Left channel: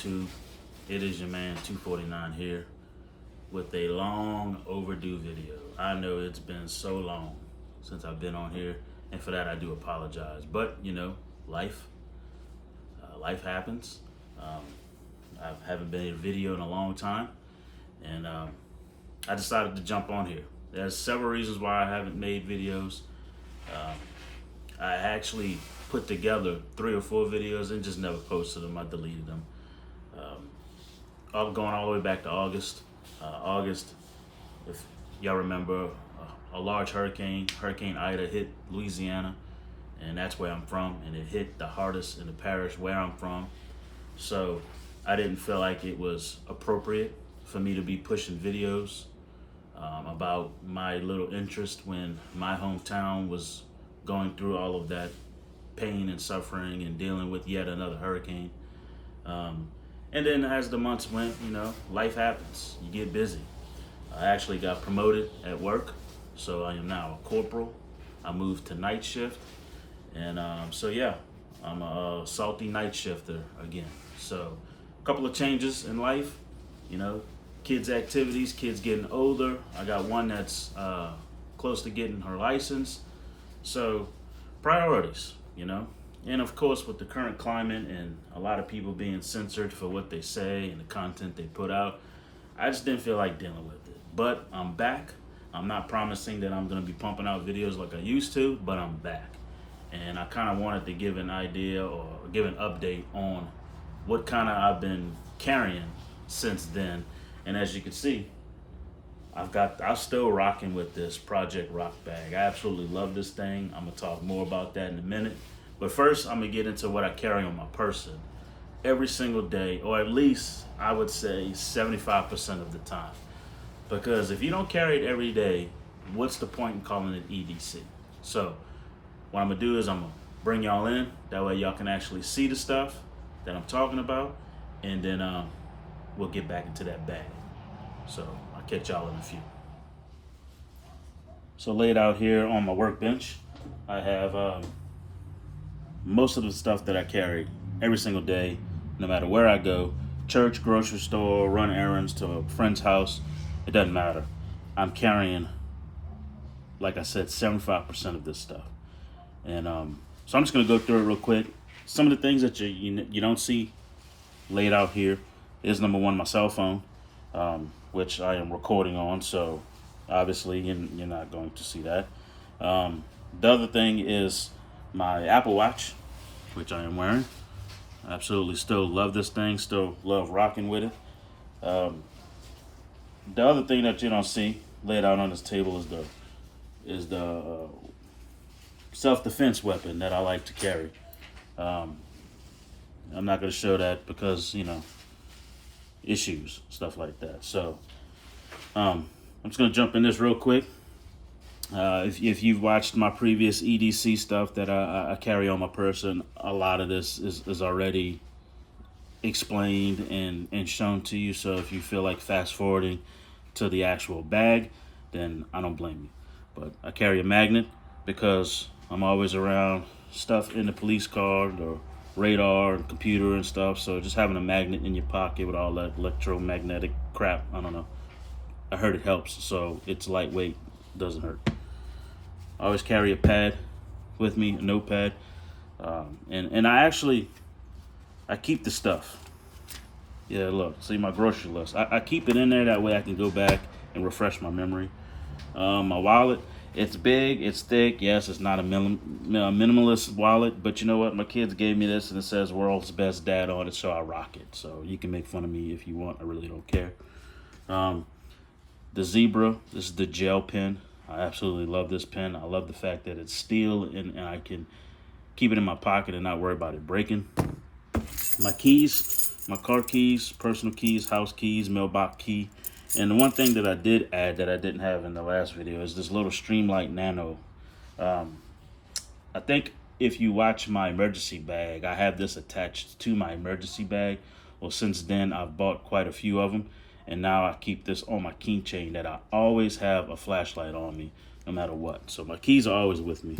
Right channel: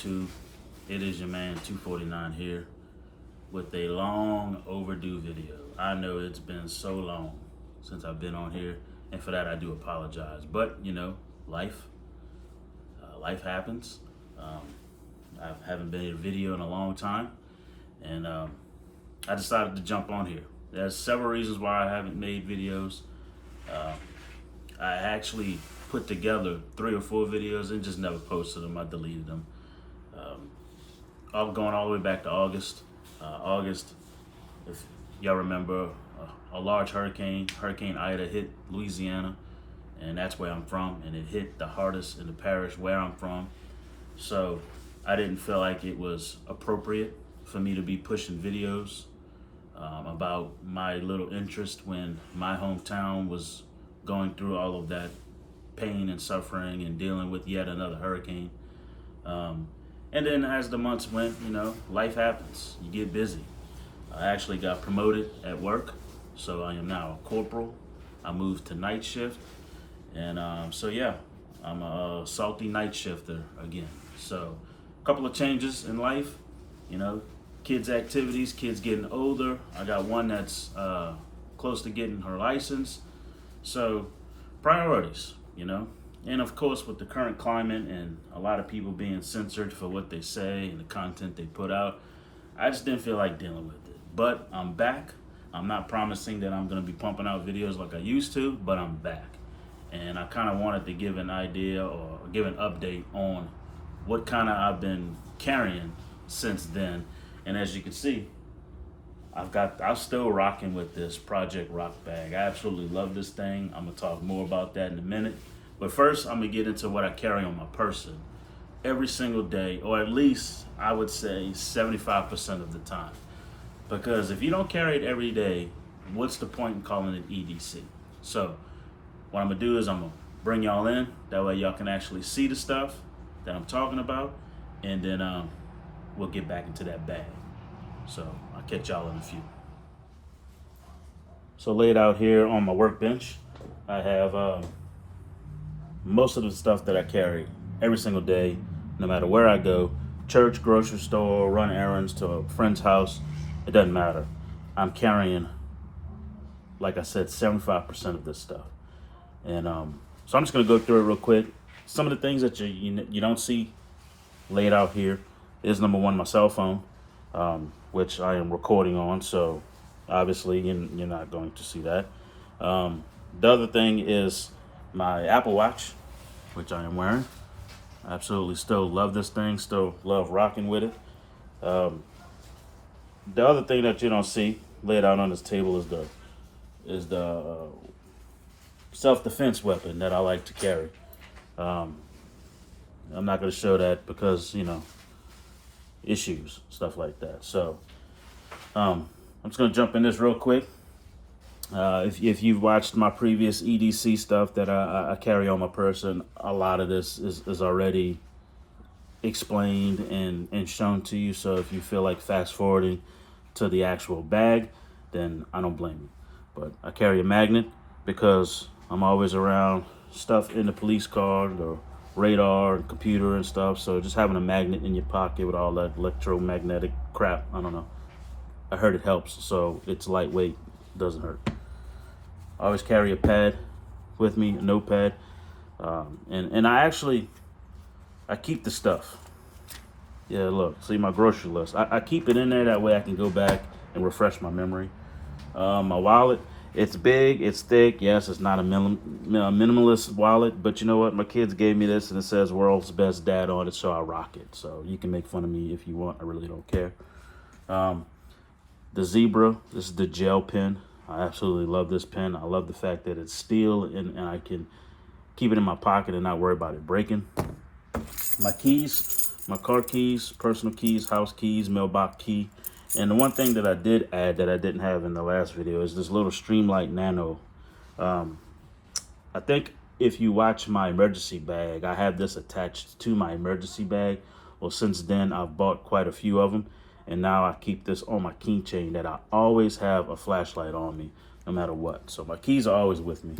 YouTube? It is your man 249 here with a long overdue video. I know it's been so long since I've been on here, and for that I do apologize. But you know, life happens. I haven't been in a video in a long time, and I decided to jump on here. There's several reasons why I haven't made videos. I actually put together 3 or 4 videos and just never posted them. I deleted them. Going all the way back to August. August, if y'all remember, a large Hurricane Ida, hit Louisiana, and that's where I'm from, and it hit the hardest in the parish where I'm from. So I didn't feel like it was appropriate for me to be pushing videos about my little interest when my hometown was going through all of that pain and suffering and dealing with yet another hurricane. And then as the months went, you know, life happens. You get busy. I actually got promoted at work, so I am now a corporal. I moved to night shift, and so yeah, I'm a salty night shifter again. So a couple of changes in life, you know, kids' activities, kids getting older. I got one that's close to getting her license. So priorities, you know. And of course, with the current climate and a lot of people being censored for what they say and the content they put out, I just didn't feel like dealing with it. But I'm back. I'm not promising that I'm going to be pumping out videos like I used to, but I'm back. And I kind of wanted to give an idea or give an update on what kind of I've been carrying since then. And as you can see, I'm still rocking with this Project Rock bag. I absolutely love this thing. I'm gonna talk more about that in a minute. But first, I'm gonna get into what I carry on my person every single day, or at least I would say 75% of the time. Because if you don't carry it every day, what's the point in calling it EDC? So what I'm gonna do is I'm gonna bring y'all in. That way y'all can actually see the stuff that I'm talking about, and then we'll get back into that bag. So I'll catch y'all in a few. So laid out here on my workbench, I have most of the stuff that I carry every single day, no matter where I go, church, grocery store, run errands, to a friend's house, it doesn't matter. I'm carrying, like I said, 75% of this stuff. And so I'm just gonna go through it real quick. Some of the things that you don't see laid out here is, number one, my cell phone, which I am recording on, so obviously you're not going to see that. The other thing is my Apple Watch, which I am wearing. I absolutely still love this thing, still love rocking with it. The other thing that you don't see laid out on this table is the self-defense weapon that I like to carry. I'm not going to show that because, you know, issues, stuff like that. So I'm just going to jump in this real quick. If you've watched my previous EDC stuff that I carry on my person, a lot of this is already explained and shown to you. So if you feel like fast forwarding to the actual bag, then I don't blame you. But I carry a magnet because I'm always around stuff in the police car or radar and computer and stuff. So just having a magnet in your pocket with all that electromagnetic crap, I don't know, I heard it helps. So it's lightweight, doesn't hurt. I always carry a pad with me, a notepad, and I keep the stuff. Yeah, look, see my grocery list. I keep it in there, that way I can go back and refresh my memory. My wallet, it's big, it's thick. Yes, it's not a minimalist wallet, but you know what? My kids gave me this, and it says "World's Best Dad" on it, so I rock it. So you can make fun of me if you want. I really don't care. The Zebra, this is the gel pen. I absolutely love this pen. I love the fact that it's steel and I can keep it in my pocket and not worry about it breaking. My keys, my car keys, personal keys, house keys, mailbox key. And the one thing that I did add that I didn't have in the last video is this little Streamlight Nano. I think if you watch my emergency bag, I have this attached to my emergency bag. Well, since then, I've bought quite a few of them. And now I keep this on my keychain that I always have a flashlight on me, no matter what. So my keys are always with me.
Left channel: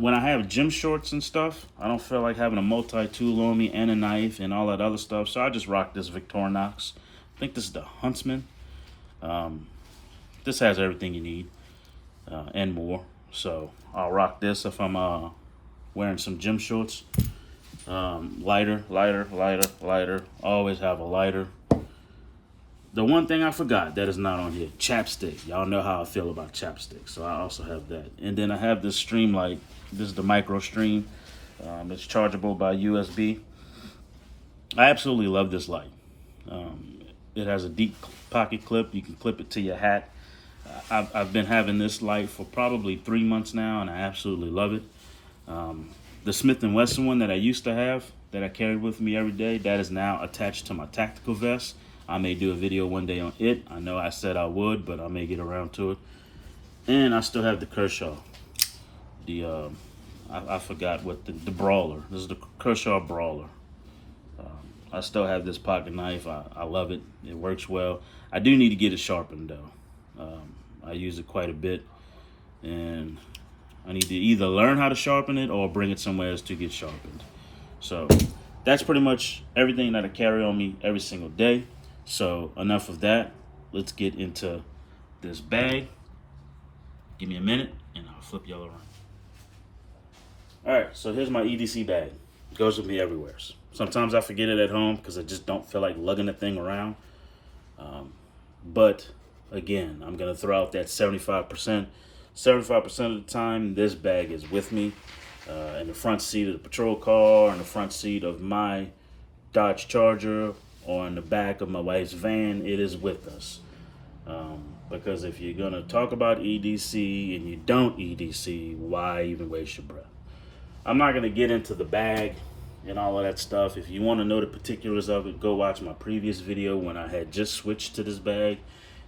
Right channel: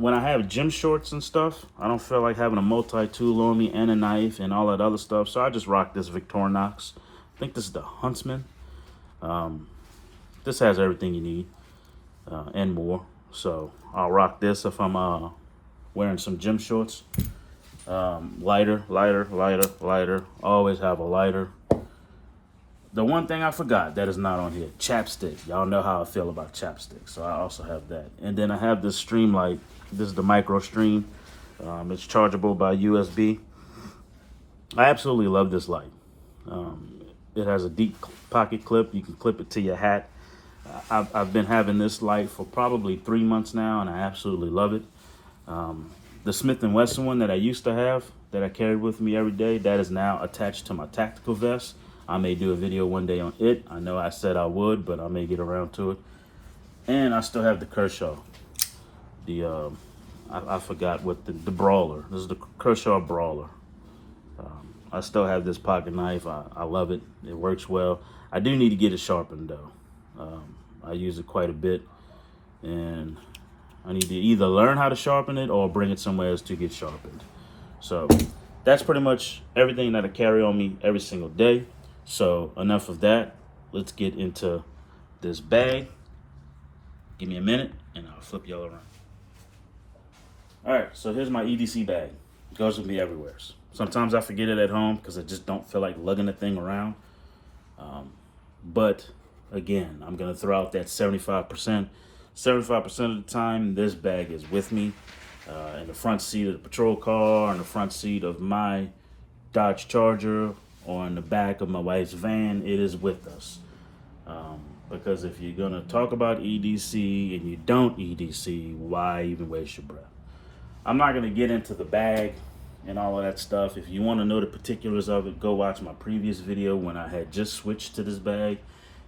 when I have gym shorts and stuff, I don't feel like having a multi-tool on me and a knife and all that other stuff. So I just rock this Victorinox. I think this is the Huntsman. This has everything you need and more. So I'll rock this if I'm wearing some gym shorts. Lighter. Always have a lighter. The one thing I forgot that is not on here, chapstick. Y'all know how I feel about chapstick, so I also have that. And then I have this stream light. This is the micro stream. It's chargeable by USB. I absolutely love this light. It has a deep pocket clip. You can clip it to your hat. I've been having this light for probably 3 months now, and I absolutely love it. The Smith & Wesson one that I used to have, that I carried with me every day, that is now attached to my tactical vest. I may do a video one day on it. I know I said I would, but I may get around to it. And I still have the Kershaw. I forgot what the Brawler. This is the Kershaw Brawler. I still have this pocket knife. I love it. It works well. I do need to get it sharpened though. I use it quite a bit, and I need to either learn how to sharpen it or bring it somewhere else to get sharpened. So that's pretty much everything that I carry on me every single day. So enough of that. Let's get into this bag. Give me a minute and I'll flip y'all around. All right, so here's my EDC bag. It goes with me everywhere. Sometimes I forget it at home because I just don't feel like lugging the thing around. But again, I'm gonna throw out that 75%. 75% of the time, this bag is with me in the front seat of the patrol car, in the front seat of my Dodge Charger, or in the back of my wife's van. It is with us. Because if you're gonna talk about EDC and you don't EDC, why even waste your breath? I'm not gonna get into the bag and all of that stuff. If you want to know the particulars of it, go watch my previous video when I had just switched to this bag.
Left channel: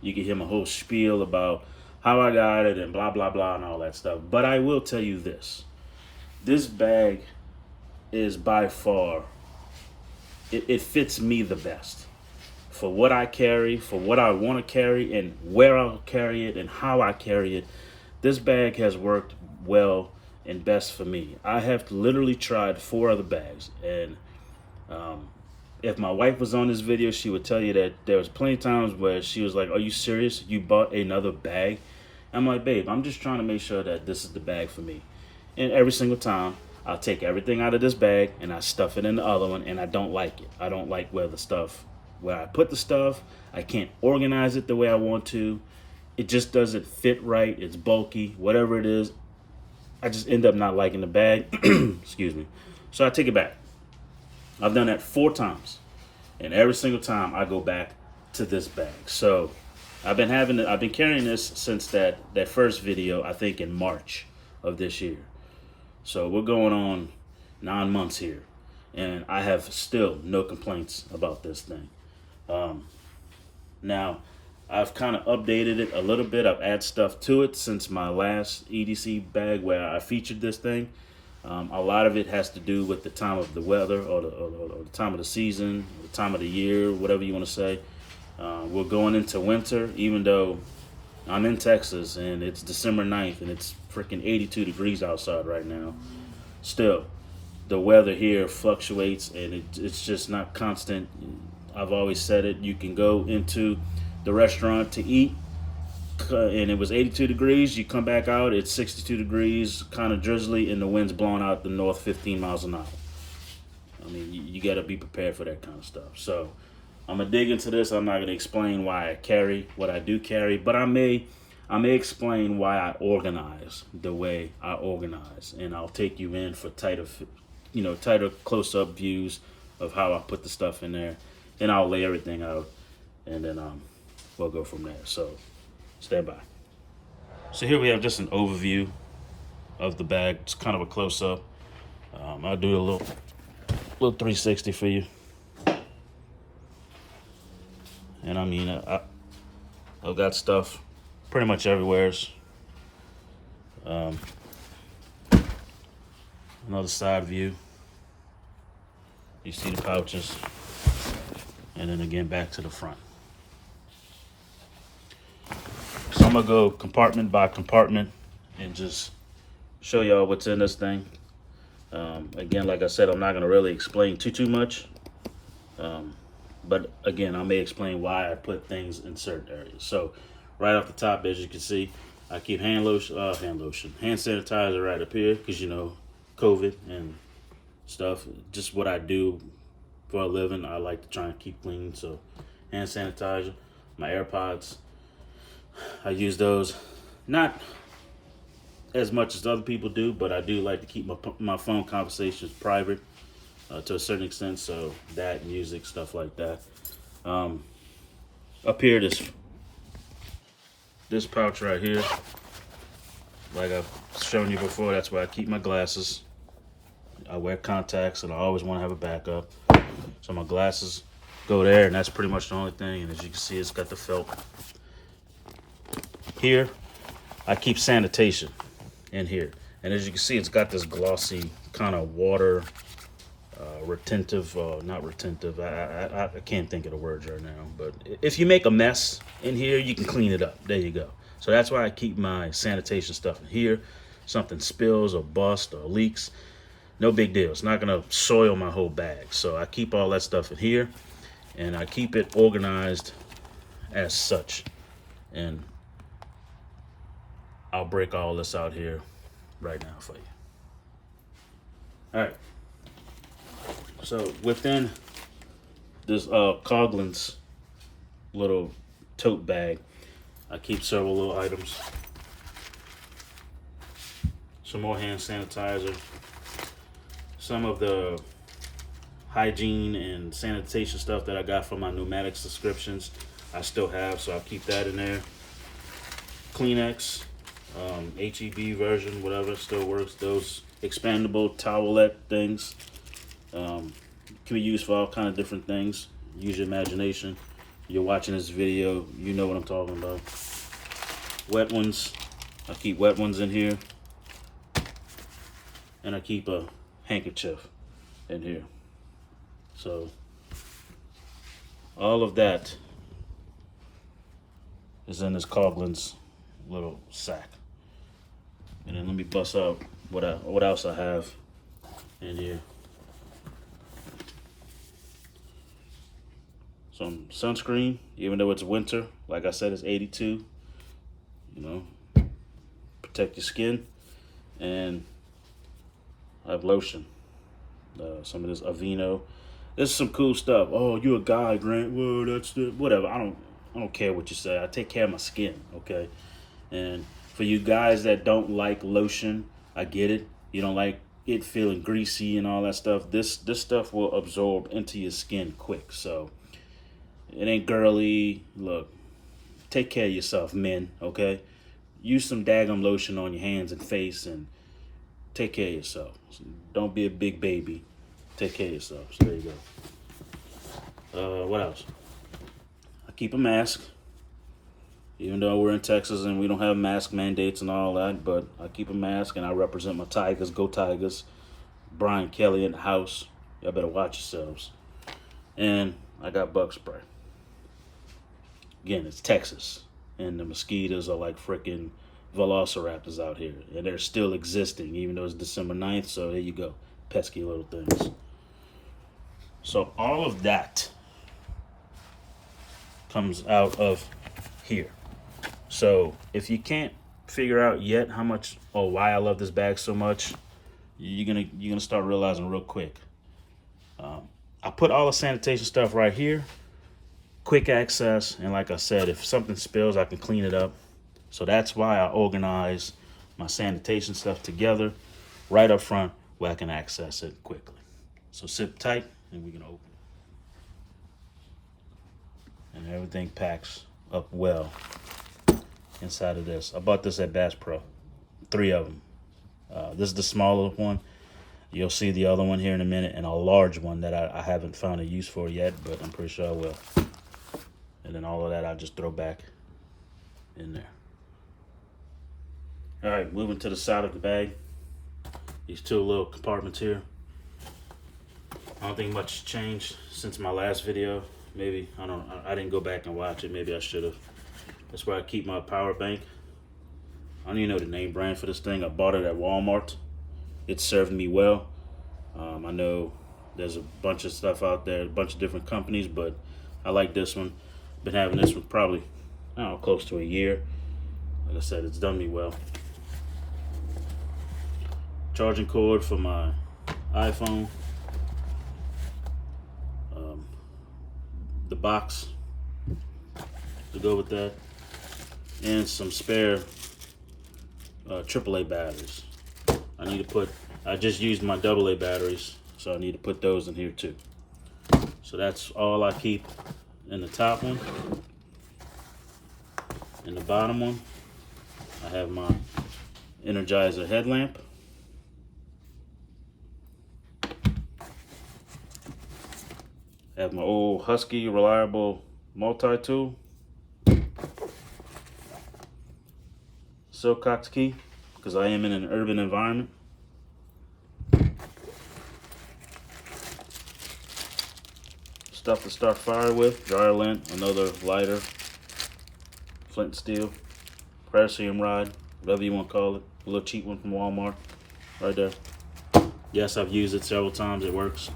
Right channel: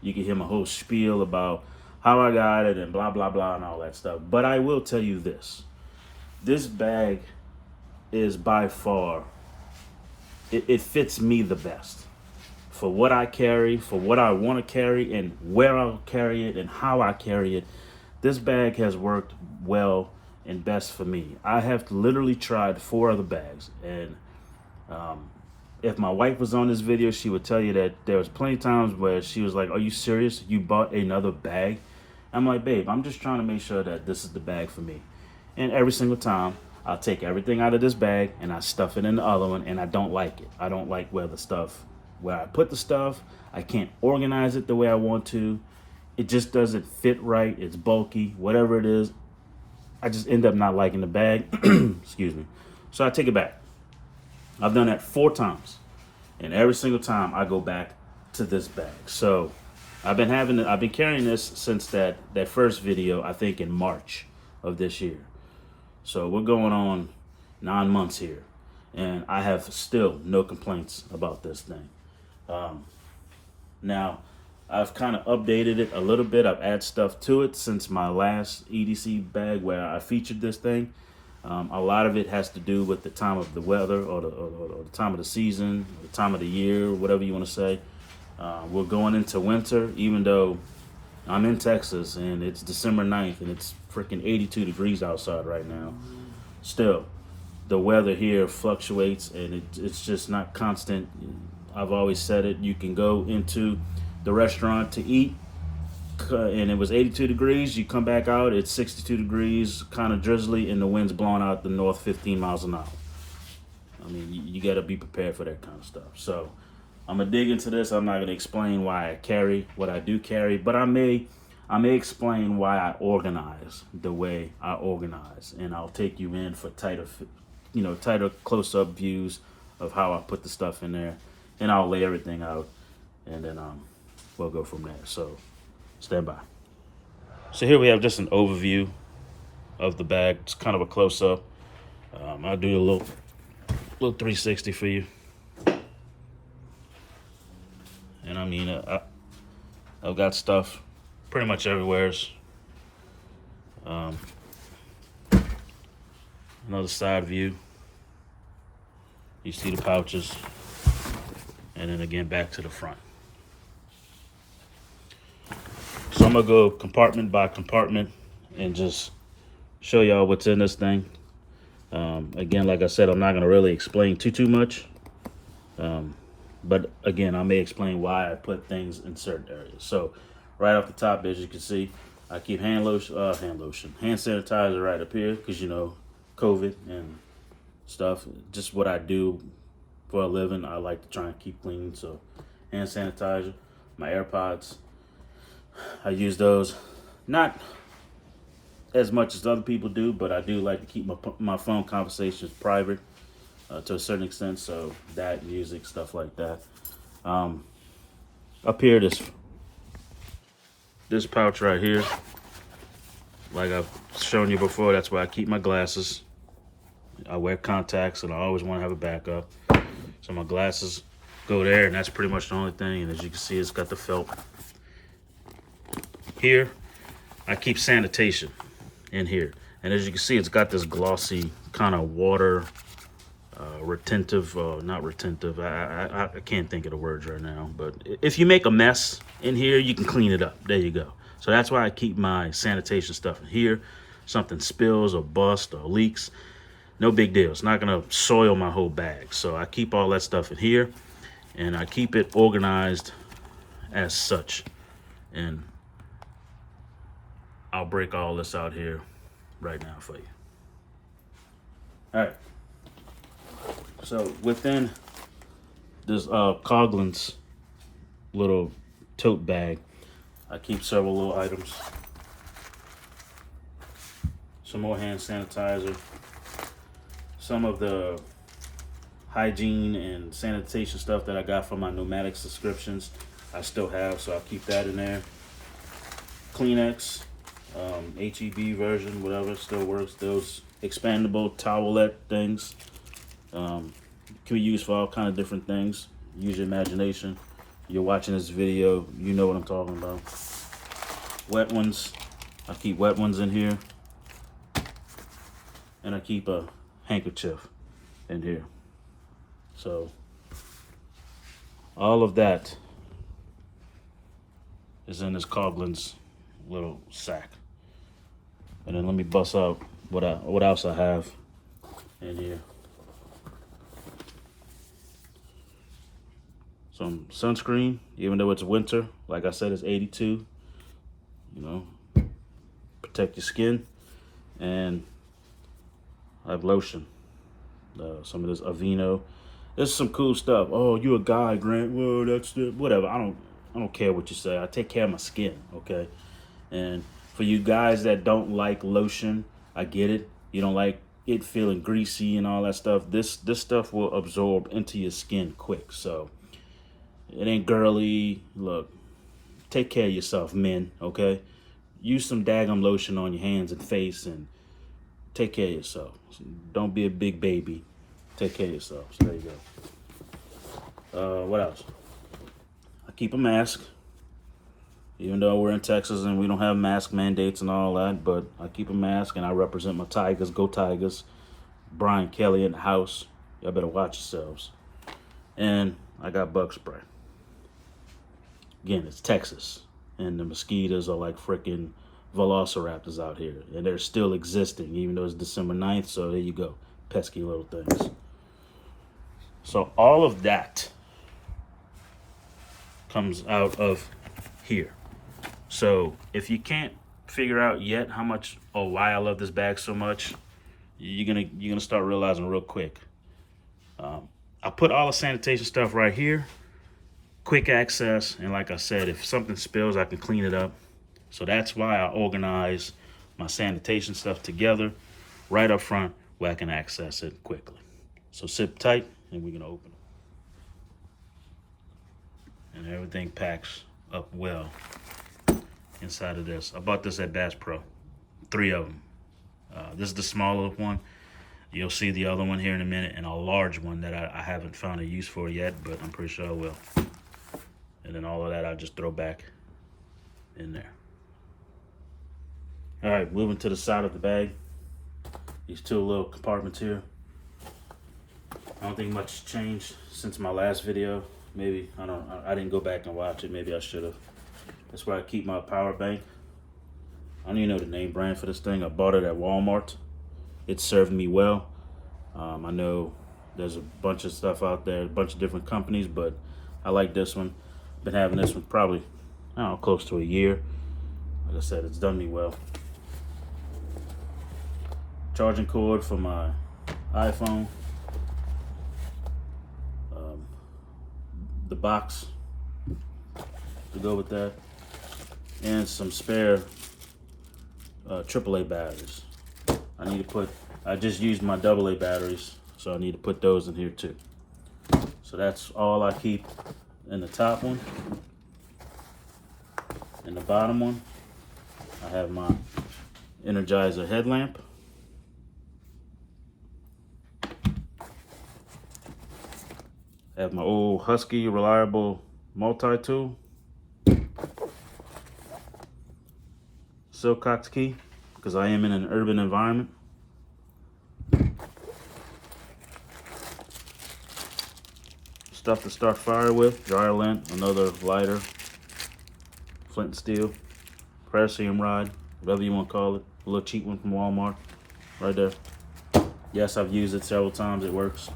You can hear my whole spiel about how I got it and blah, blah, blah and all that stuff. But I will tell you this. This bag is by far, it fits me the best. For what I carry, for what I want to carry, and where I'll carry it and how I carry it, this bag has worked well and best for me. I have literally tried 4 other bags, and if my wife was on this video, she would tell you that there was plenty of times where she was like, "Are you serious? You bought another bag?" I'm like, "Babe, I'm just trying to make sure that this is the bag for me." And every single time, I'll take everything out of this bag and I stuff it in the other one, and I don't like it. I don't like where I put the stuff. I can't organize it the way I want to. It just doesn't fit right. It's bulky, whatever it is. I just end up not liking the bag. Excuse me. So I take it back. I've done that 4 times, and every single time I go back to this bag. So I've been carrying this since that first video, I think in March of this year. So we're going on 9 months here, and I have still no complaints about this thing. Now, I've kind of updated it a little bit. I've added stuff to it since my last EDC bag where I featured this thing. A lot of it has to do with the time of the weather, or the time of the season, or the time of the year, whatever you want to say. We're going into winter, even though I'm in Texas and it's December 9th and it's freaking 82 degrees outside right now. Still, the weather here fluctuates, and it's just not constant. I've always said it. You can go into the restaurant to eat, and it was 82 degrees. You come back out, it's 62 degrees, kind of drizzly, and the wind's blowing out the north 15 miles an hour. I mean, you got to be prepared for that kind of stuff. So I'm gonna dig into this. I'm not gonna explain why I carry what I do carry, but I may explain why I organize the way I organize, and I'll take you in for tighter close-up views of how I put the stuff in there, and I'll lay everything out, and then we'll go from there. So stay by. So here we have just an overview of the bag. It's kind of a close-up. I'll do a little 360 for you. And I mean, I've got stuff pretty much everywhere. Another side view. You see the pouches. And then again, back to the front. So I'm gonna go compartment by compartment and just show y'all what's in this thing. Again, like I said, I'm not gonna really explain too much. But again, I may explain why I put things in certain areas. So right off the top, as you can see, I keep hand sanitizer right up here, because you know, COVID and stuff, just what I do for a living. I like to try and keep clean. So hand sanitizer, my AirPods, I use those not as much as other people do, but I do like to keep my phone conversations private to a certain extent. So that, music, stuff like that. Up here, this pouch right here, like I've shown you before, that's where I keep my glasses. I wear contacts and I always want to have a backup. So my glasses go there, and that's pretty much the only thing. And as you can see, it's got the felt. Here, I keep sanitation in here. And as you can see, it's got this glossy kind of water retentive, not retentive, I can't think of the words right now, but if you make a mess in here, you can clean it up. There you go. So that's why I keep my sanitation stuff in here. Something spills or busts or leaks, no big deal. It's not gonna soil my whole bag. So I keep all that stuff in here, and I keep it organized as such. And I'll break all this out here right now for you. All right. So within this Coughlin's little tote bag, I keep several little items. Some more hand sanitizer. Some of the hygiene and sanitation stuff that I got from my pneumatic subscriptions, I still have, so I'll keep that in there. Kleenex, HEB version, whatever, still works. Those expandable towelette things. Can be used for all kind of different things. Use your imagination. You're watching this video, you know what I'm talking about. Wet ones, I keep wet ones in here. And I keep a handkerchief in here. So all of that is in this Coughlin's little sack. And then let me bust out what else I have in here. Some sunscreen, even though it's winter. Like I said, it's 82. You know, protect your skin. And I have lotion. Some of this Aveeno. There's some cool stuff. Oh, you a guy, Grant? Whoa, that's the whatever. I don't care what you say. I take care of my skin, okay? And for you guys that don't like lotion, I get it. You don't like it feeling greasy and all that stuff. This stuff will absorb into your skin quick. So it ain't girly. Look, take care of yourself, men, okay? Use some daggum lotion on your hands and face and take care of yourself. Don't be a big baby. Take care of yourself. So there you go. What else? I keep a mask. Even though we're in Texas and we don't have mask mandates and all that, but I keep a mask and I represent my Tigers. Go Tigers. Brian Kelly in the house. Y'all better watch yourselves. And I got bug spray. Again, it's Texas. And the mosquitoes are like freaking velociraptors out here. And they're still existing, even though it's December 9th. So there you go. Pesky little things. So all of that comes out of here. So if you can't figure out yet how much or why I love this bag so much, you're gonna start realizing real quick. I put all the sanitation stuff right here, quick access, and like I said, if something spills, I can clean it up. So that's why I organize my sanitation stuff together right up front where I can access it quickly. So sit tight and we're gonna open it. And everything packs up well inside of this. I bought this at Bass Pro, 3 of them. This is the smaller one. You'll see the other one here in a minute, and a large one that I haven't found a use for yet, but I'm pretty sure I will. And then all of that I just throw back in there. All right, moving to the side of the bag. These 2 little compartments here. I don't think much has changed since my last video. Maybe, I didn't go back and watch it. Maybe I should have. That's where I keep my power bank. I don't even know the name brand for this thing. I bought it at Walmart. It served me well. I know there's a bunch of stuff out there, a bunch of different companies, but I like this one. Been having this one probably, I don't know, close to a year. Like I said, it's done me well. Charging cord for my iPhone. The box to go with that. And some spare AAA batteries. I just used my AA batteries, so I need to put those in here too. So that's all I keep in the top one. In the bottom one, I have my Energizer headlamp. I have my old Husky reliable multi-tool. Silcox key, because I am in an urban environment. Stuff to start fire with, dryer lint, another lighter, flint and steel, paracetam rod, whatever you want to call it, a little cheap one from Walmart, right there. Yes, I've used it several times, it works.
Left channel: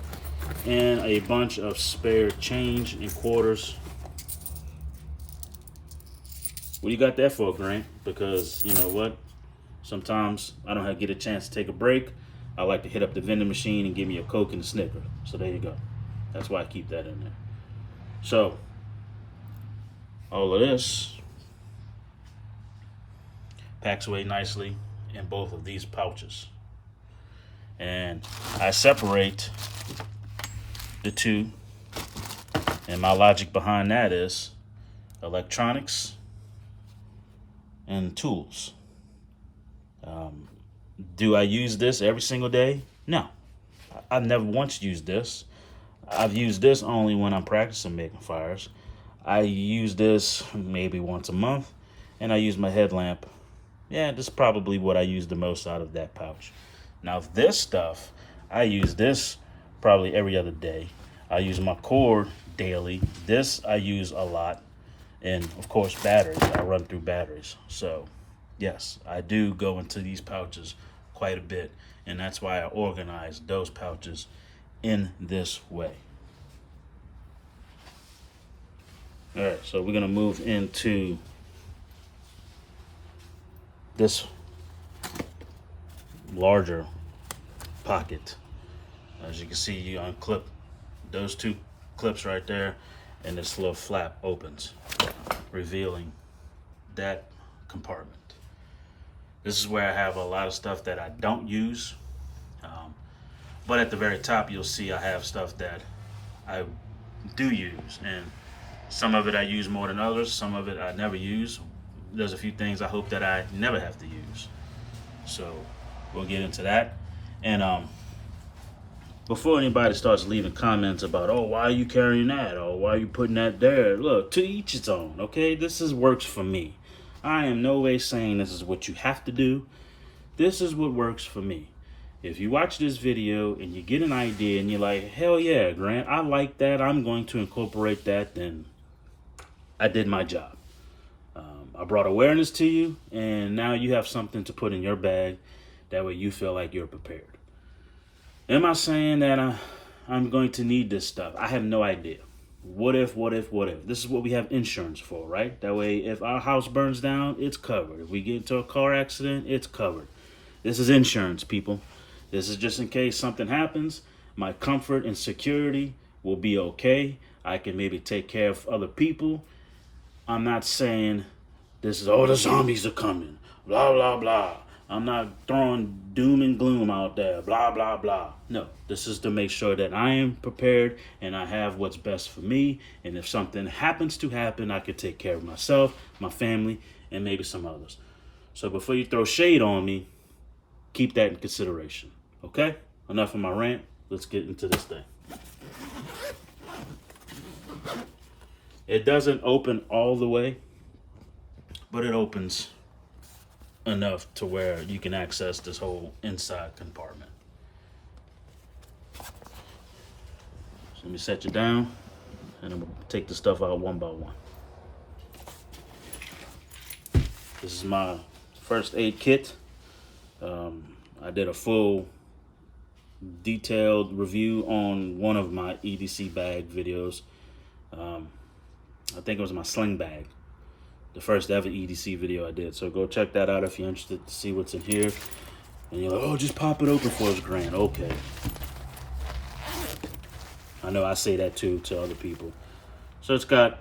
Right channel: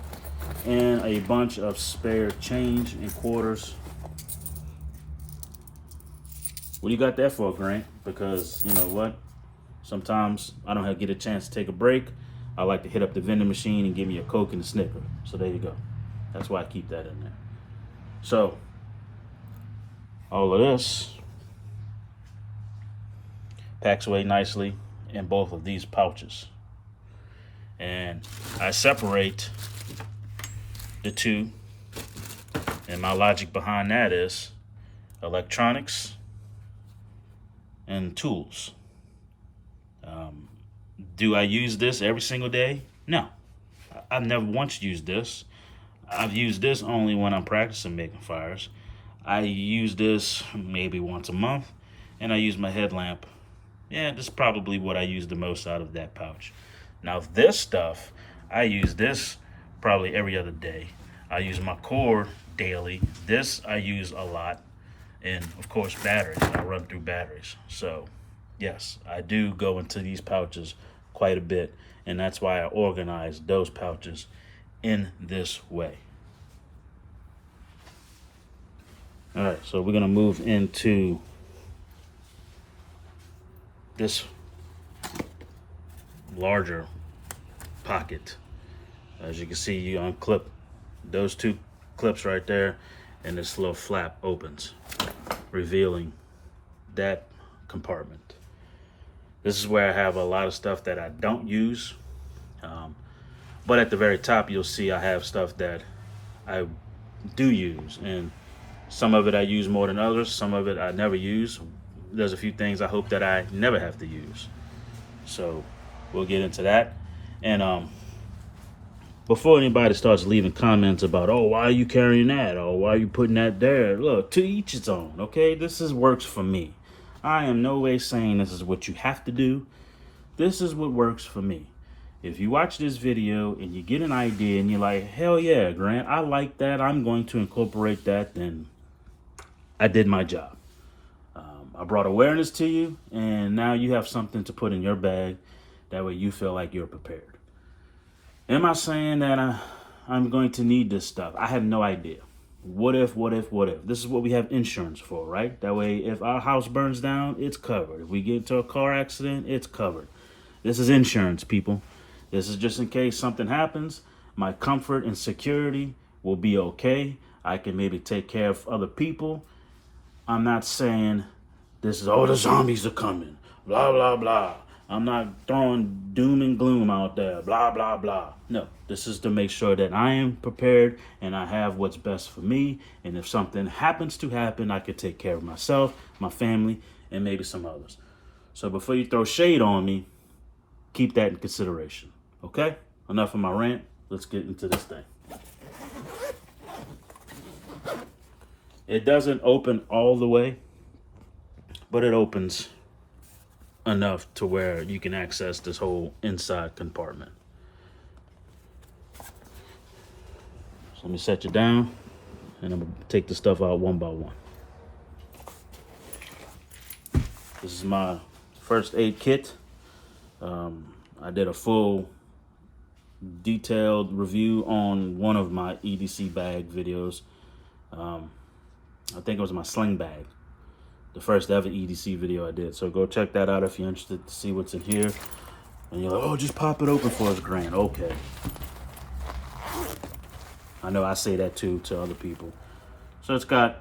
And a bunch of spare change and quarters. What do you got that for, Grant? Because you know what? Sometimes I don't get a chance to take a break. I like to hit up the vending machine and give me a Coke and a Snicker. So there you go. That's why I keep that in there. So all of this packs away nicely in both of these pouches. And I separate the two. And my logic behind that is electronics and tools. Do I use this every single day? No. I've never once used this. I've used this only when I'm practicing making fires. I use this maybe once a month, and I use my headlamp. Yeah, this is probably what I use the most out of that pouch. Now this stuff, I use this probably every other day. I use my cord daily. This I use a lot. And of course batteries, I run through batteries. So yes, I do go into these pouches quite a bit, and that's why I organize those pouches in this way. All right, so we're gonna move into this larger pocket. As you can see, you unclip those two clips right there, and this little flap opens, revealing that compartment. This is where I have a lot of stuff that I don't use. But at the very top, you'll see I have stuff that I do use. And some of it I use more than others. Some of it I never use. There's a few things I hope that I never have to use. So we'll get into that. And before anybody starts leaving comments about, oh, why are you carrying that? Or why are you putting that there? Look, to each its own, okay? This works for me. I am no way saying this is what you have to do. This is what works for me. If you watch this video and you get an idea and you're like, hell yeah, Grant, I like that, I'm going to incorporate that, then I did my job. I brought awareness to you, and now you have something to put in your bag. That way you feel like you're prepared. Am I saying that I'm going to need this stuff? I have no idea. What if? This is what we have insurance for, right? That way, if our house burns down, it's covered. If we get into a car accident, it's covered. This is insurance, people. This is just in case something happens. My comfort and security will be okay. I can maybe take care of other people. I'm not saying this is, oh, the zombies are coming, blah, blah, blah. I'm not throwing doom and gloom out there, blah, blah, blah. No, this is to make sure that I am prepared and I have what's best for me. And if something happens to happen, I can take care of myself, my family, and maybe some others. So before you throw shade on me, keep that in consideration, okay? Enough of my rant. Let's get into this thing. It doesn't open all the way, but it opens enough to where you can access this whole inside compartment. So let me set you down, and I'm gonna take the stuff out one by one. This is my first aid kit. I did a full detailed review on one of my EDC bag videos. I think it was my sling bag, the first ever EDC video I did. So go check that out if you're interested to see what's in here. And you're like, oh, just pop it open for us, Grant. Okay. I know I say that too to other people. So it's got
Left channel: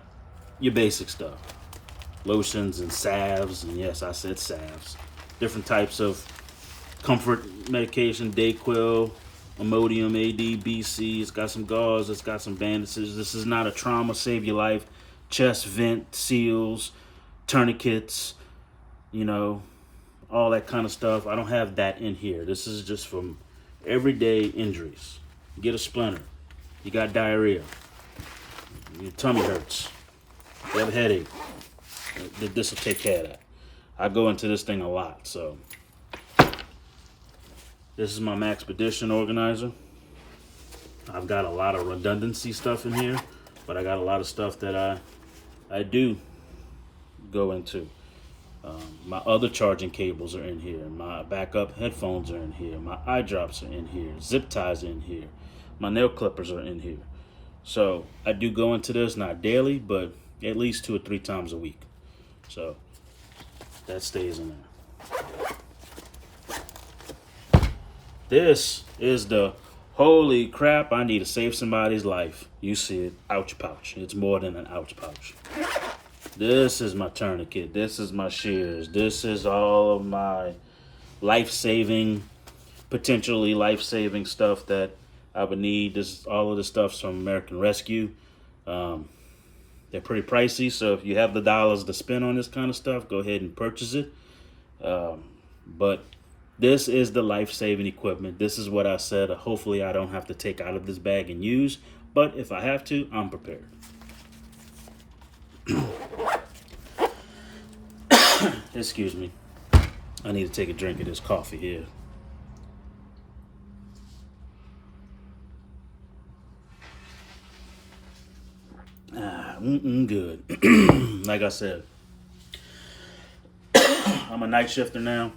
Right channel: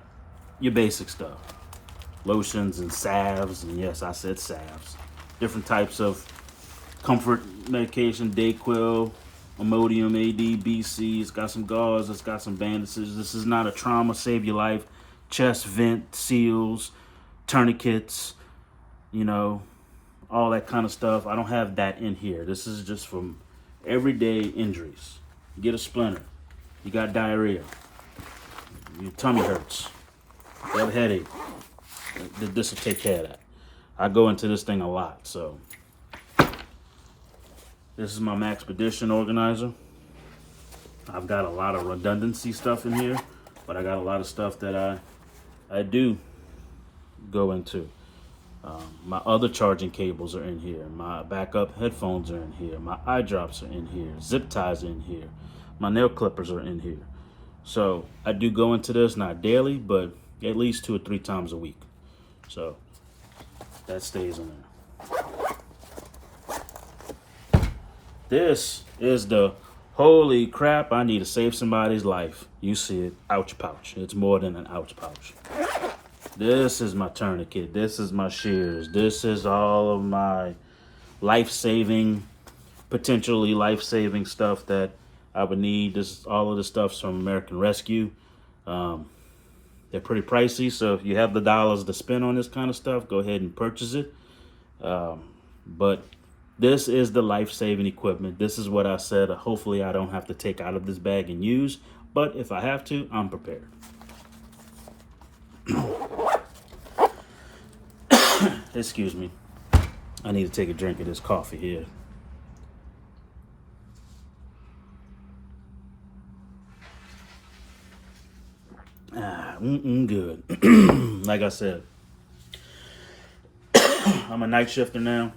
your basic stuff. Lotions and salves, and yes, I said salves. Different types of comfort medication, Dayquil, Imodium, AD, BC. It's got some gauze, it's got some bandages. This is not a trauma, save your life. Chest vent, seals, tourniquets, you know, all that kind of stuff. I don't have that in here. This is just from everyday injuries. You get a splinter, you got diarrhea, your tummy hurts, you have a headache. This will take care of that. I go into this thing a lot, so. This is my Maxpedition organizer. I've got a lot of redundancy stuff in here, but I got a lot of stuff that I do go into. My other charging cables are in here. My backup headphones are in here. My eye drops are in here. Zip ties are in here. My nail clippers are in here. So I do go into this, not daily, but at least 2 or 3 times a week. So that stays in there. This is the holy crap, I need to save somebody's life. You see it, ouch pouch. It's more than an ouch pouch. This is my tourniquet. This is my shears. This is all of my life-saving, potentially life-saving stuff that I would need. All of the stuff's from American Rescue. They're pretty pricey, so if you have the dollars to spend on this kind of stuff, go ahead and purchase it. But this is the life-saving equipment. This is what I said. Hopefully I don't have to take out of this bag and use, but if I have to, I'm prepared. Excuse me. I need to take a drink of this coffee here. Good. Like I said, I'm a night shifter now.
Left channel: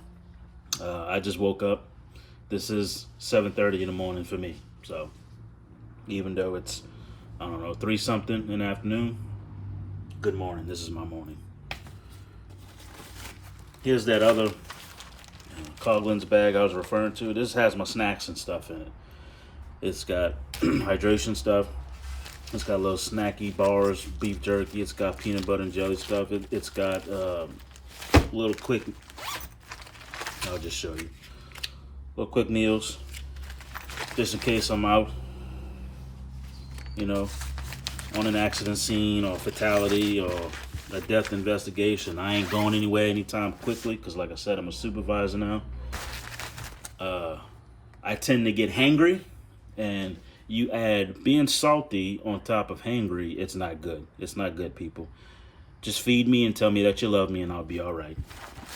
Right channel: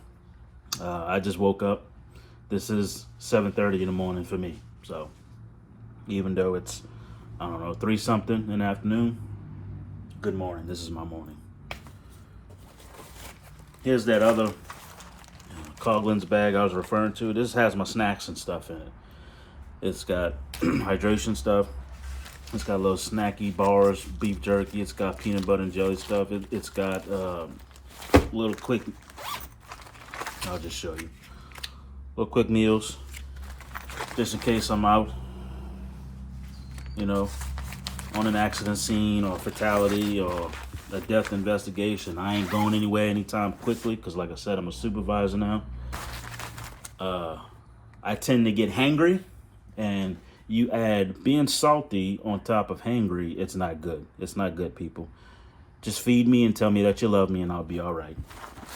I just woke up. This is 7:30 in the morning for me. So even though it's, I don't know, 3 something in the afternoon, good morning. This is my morning. Here's that other Coughlin's bag I was referring to. This has my snacks and stuff in it. It's got hydration stuff. It's got little snacky bars, beef jerky. It's got peanut butter and jelly stuff. It's got little quick, I'll just show you. Little quick meals, just in case I'm out, you know, on an accident scene or fatality or a death investigation. I ain't going anywhere anytime quickly because, like I said, I'm a supervisor now. I tend to get hangry, and you add being salty on top of hangry, it's not good. It's not good, people. Just feed me and tell me that you love me and I'll be all right.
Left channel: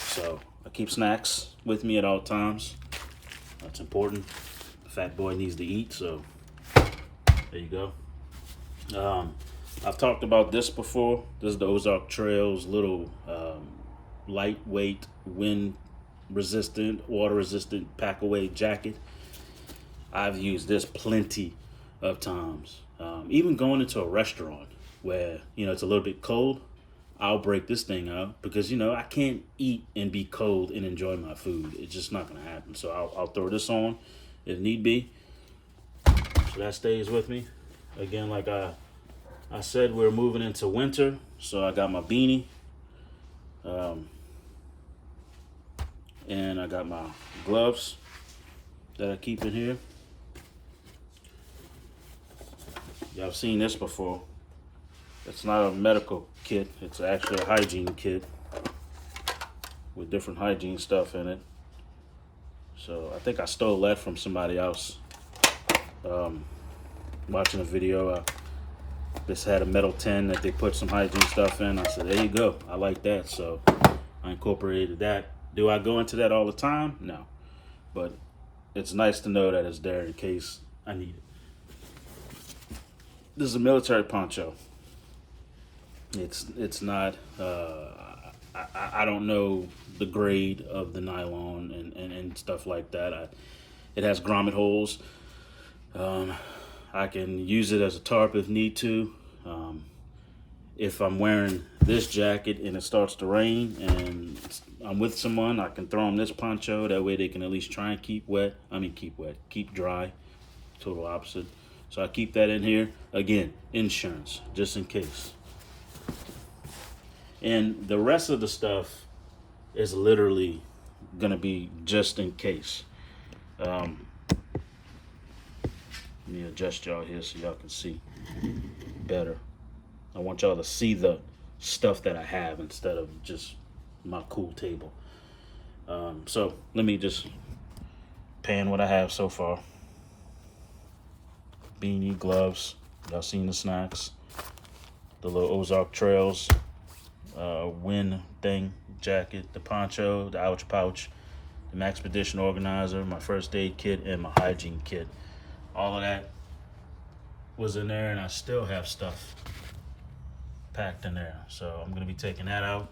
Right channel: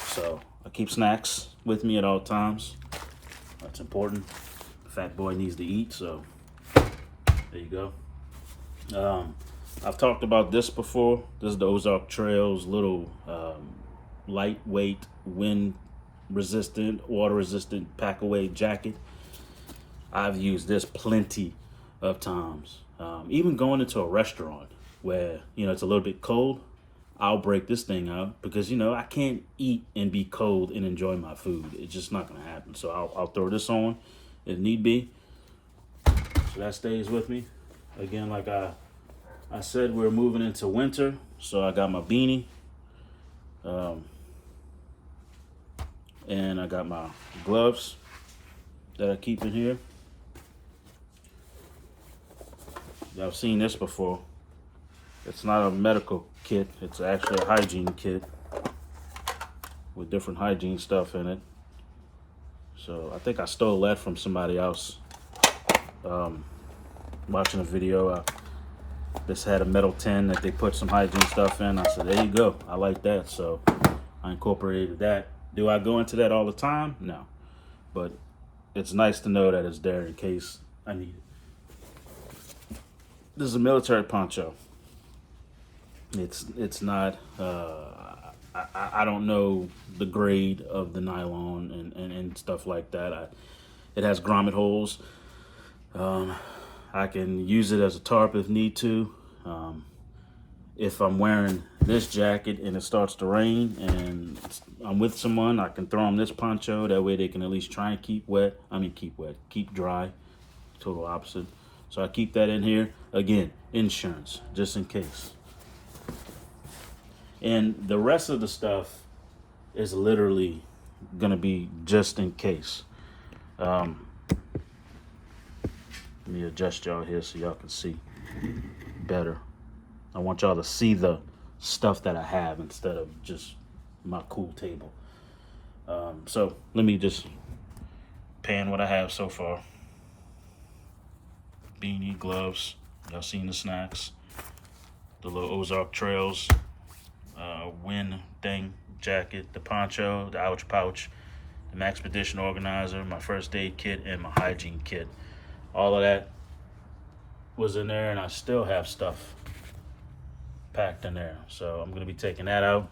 So I keep snacks with me at all times. That's important. The fat boy needs to eat, so there you go. I've talked about this before. This is the Ozark Trails little lightweight, wind resistant, water resistant pack away jacket. I've used this plenty of times. Even going into a restaurant where, you know, it's a little bit cold, I'll break this thing out because, you know, I can't eat and be cold and enjoy my food. It's just not going to happen. So I'll throw this on if need be. So that stays with me. Again, like I said, we're moving into winter. So I got my beanie. And I got my gloves that I keep in here. Y'all have seen this before. It's not a medical kit. It's actually a hygiene kit with different hygiene stuff in it. So I think I stole that from somebody else. Watching a video, this had a metal tin that they put some hygiene stuff in. I said, there you go. I like that. So I incorporated that. Do I go into that all the time? No. But it's nice to know that it's there in case I need it. This is a military poncho. It's not I don't know the grade of the nylon and stuff like that. It has grommet holes. I can use it as a tarp if need to. If I'm wearing this jacket and it starts to rain and I'm with someone, I can throw them this poncho. That way they can at least try and keep dry. Total opposite. So I keep that in here. Again, insurance, just in case. And the rest of the stuff is literally gonna be just in case. Let me adjust y'all here so y'all can see better. I want y'all to see the stuff that I have instead of just my cool table. So let me just pan what I have so far. Beanie, gloves, y'all seen the snacks, the little Ozark Trails wind thing, jacket, the poncho, the ouch pouch, the Maxpedition organizer, my first aid kit, and my hygiene kit. All of that was in there, and I still have stuff packed in there. So I'm going to be taking that out.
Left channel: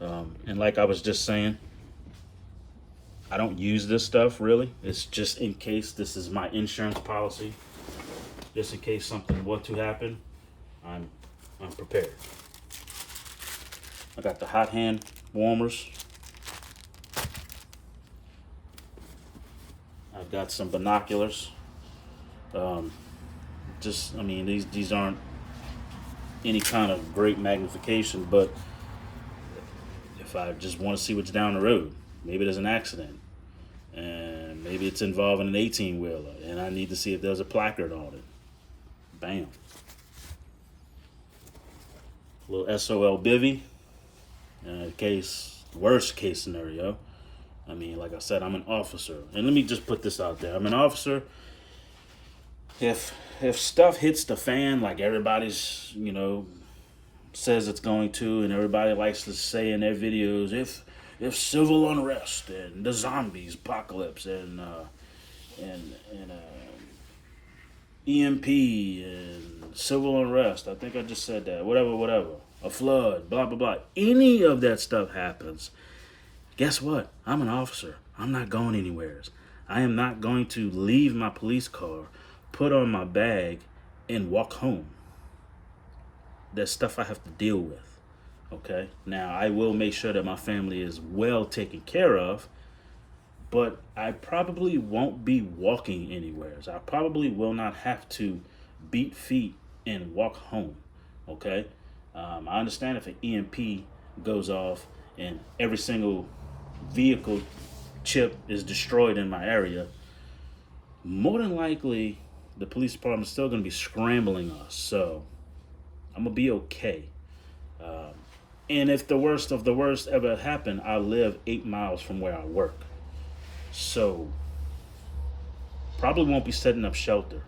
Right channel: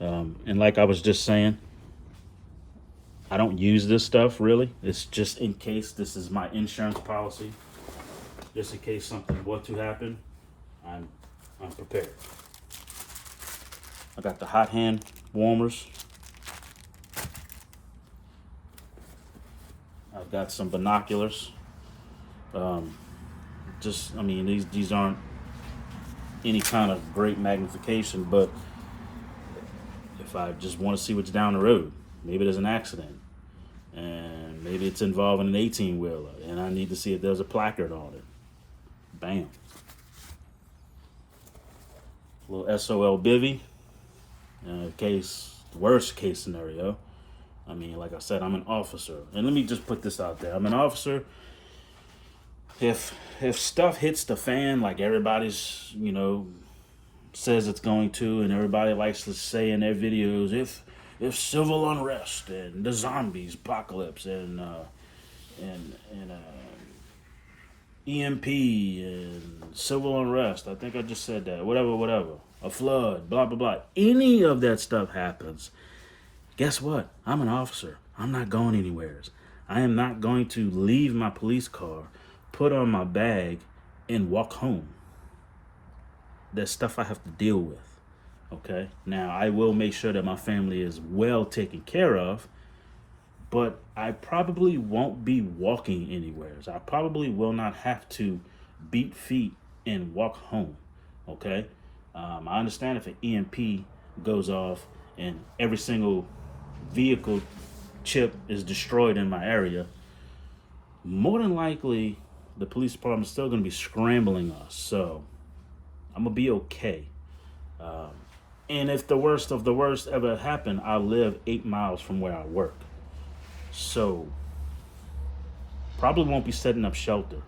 And like I was just saying, I don't use this stuff really. It's just in case. This is my insurance policy. Just in case something were to happen, I'm prepared. I got the hot hand warmers. I've got some binoculars. These aren't any kind of great magnification, but if I just want to see what's down the road, maybe there's an accident, and maybe it's involving an 18-wheeler, and I need to see if there's a placard on it. Bam. A little SOL bivvy, worst case scenario. Like I said, I'm an officer, and let me just put this out there. I'm an officer. If stuff hits the fan like everybody's, says it's going to, and everybody likes to say in their videos, if civil unrest and the zombies apocalypse and EMP and civil unrest, I think I just said that, whatever, a flood, blah blah blah, any of that stuff happens, guess what? I'm an officer. I'm not going anywhere. I am not going to leave my police car, put on my bag, and walk home. There's stuff I have to deal with. Okay? Now, I will make sure that my family is well taken care of, but I probably won't be walking anywhere. I probably will not have to beat feet and walk home. Okay? I understand if an EMP goes off and every single vehicle chip is destroyed in my area, more than likely the police department is still going to be scrambling us. So I'm going to be okay. And if the worst of the worst ever happened, I live 8 miles from where I work. So probably won't be setting up shelter.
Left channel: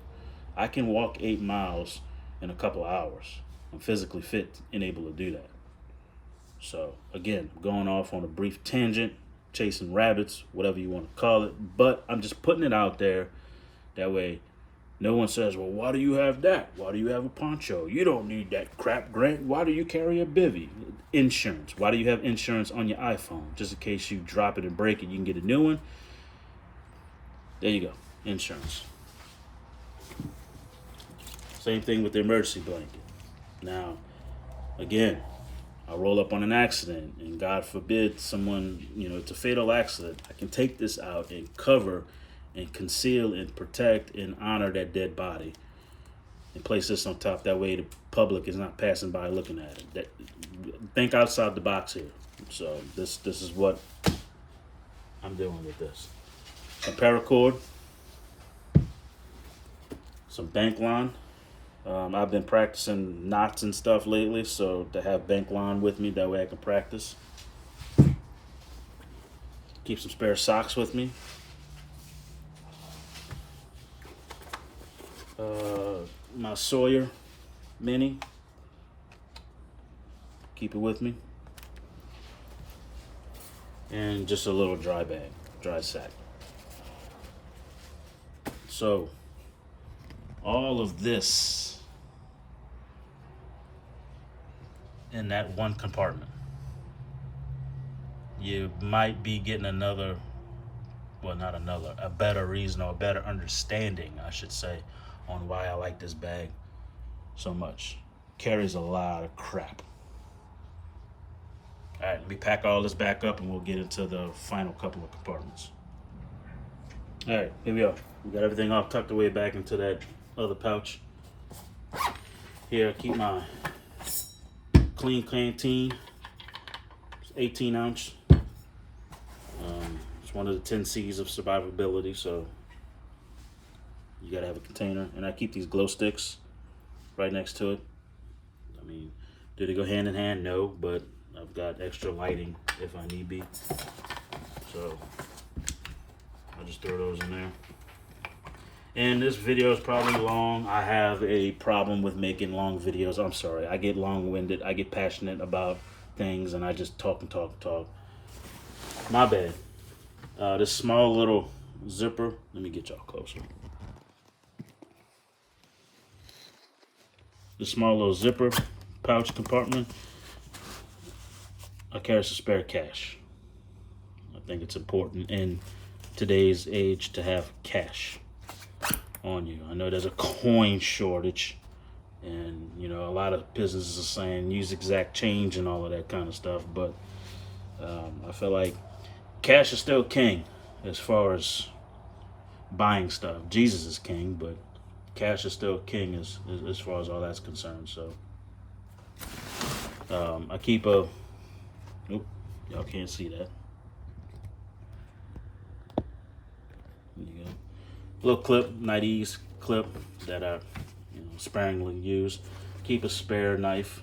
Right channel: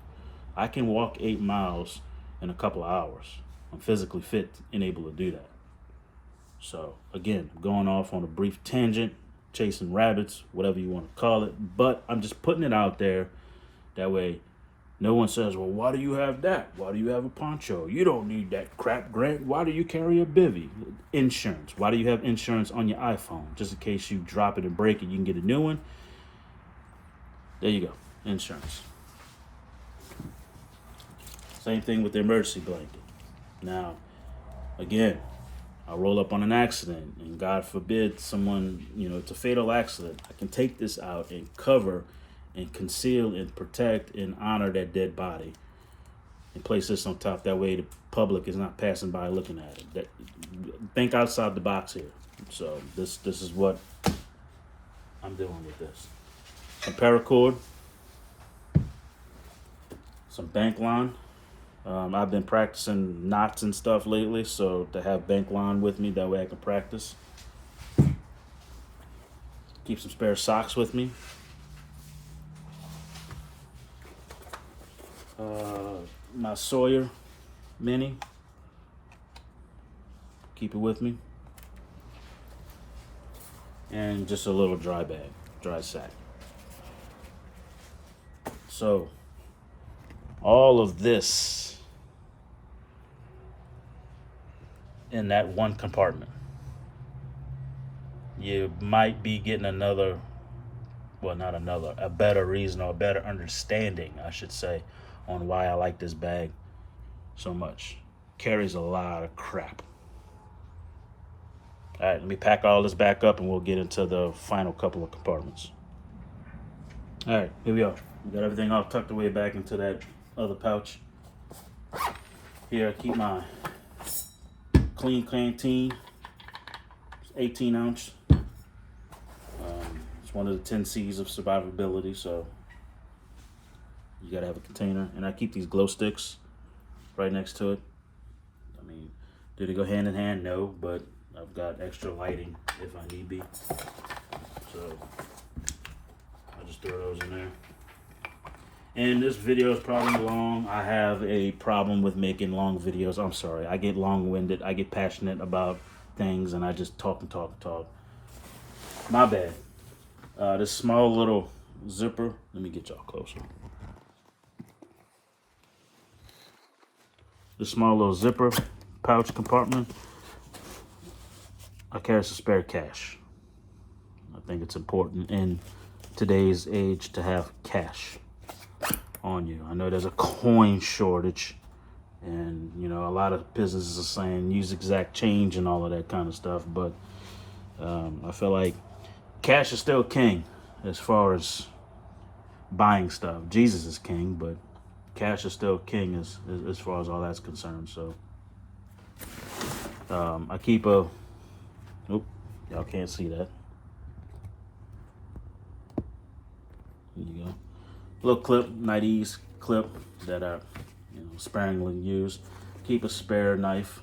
I can walk 8 miles in a couple of hours. I'm physically fit and able to do that. So again, going off on a brief tangent, chasing rabbits, whatever you want to call it, but I'm just putting it out there. That way no one says, well, why do you have that? Why do you have a poncho? You don't need that crap, Grant. Why do you carry a bivvy? Insurance. Why do you have insurance on your iPhone? Just in case you drop it and break it, you can get a new one. There you go. Insurance. Same thing with the emergency blanket. Now, again, I roll up on an accident, and God forbid someone, it's a fatal accident. I can take this out and cover and conceal and protect and honor that dead body and place this on top. That way the public is not passing by looking at it. Think outside the box here. So this is what I'm doing with this. Some paracord, some bank line. I've been practicing knots and stuff lately, so to have bank line with me, that way I can practice. Keep some spare socks with me. My Sawyer Mini. Keep it with me. And just a little dry sack. So, all of this in that one compartment. You might be getting another, well, not another, a better reason or a better understanding, I should say, on why I like this bag so much. Carries a lot of crap. All right, let me pack all this back up and we'll get into the final couple of compartments. All right, here we are. We got everything all tucked away back into that other pouch. Here I keep my clean canteen. It's 18 ounce. It's one of the 10 C's of survivability, so you gotta have a container. And I keep these glow sticks right next to it. I mean, do they go hand in hand? No, but I've got extra lighting if I need be. So I just throw those in there. And this video is probably long. I have a problem with making long videos. I'm sorry. I get long-winded. I get passionate about things, and I just talk and talk and talk. My bad. This small little zipper. Let me get y'all closer. This small little zipper pouch compartment. I carry some spare cash. I think it's important in today's age to have cash on you. I know there's a coin shortage, and you know, a lot of businesses are saying use exact change and all of that kind of stuff, but I feel like cash is still king as far as buying stuff. Jesus is king, but cash is still king as far as all that's concerned. So I keep a, nope, y'all can't see that. There you go. Little clip, night ease clip that I sparingly use. Keep a spare knife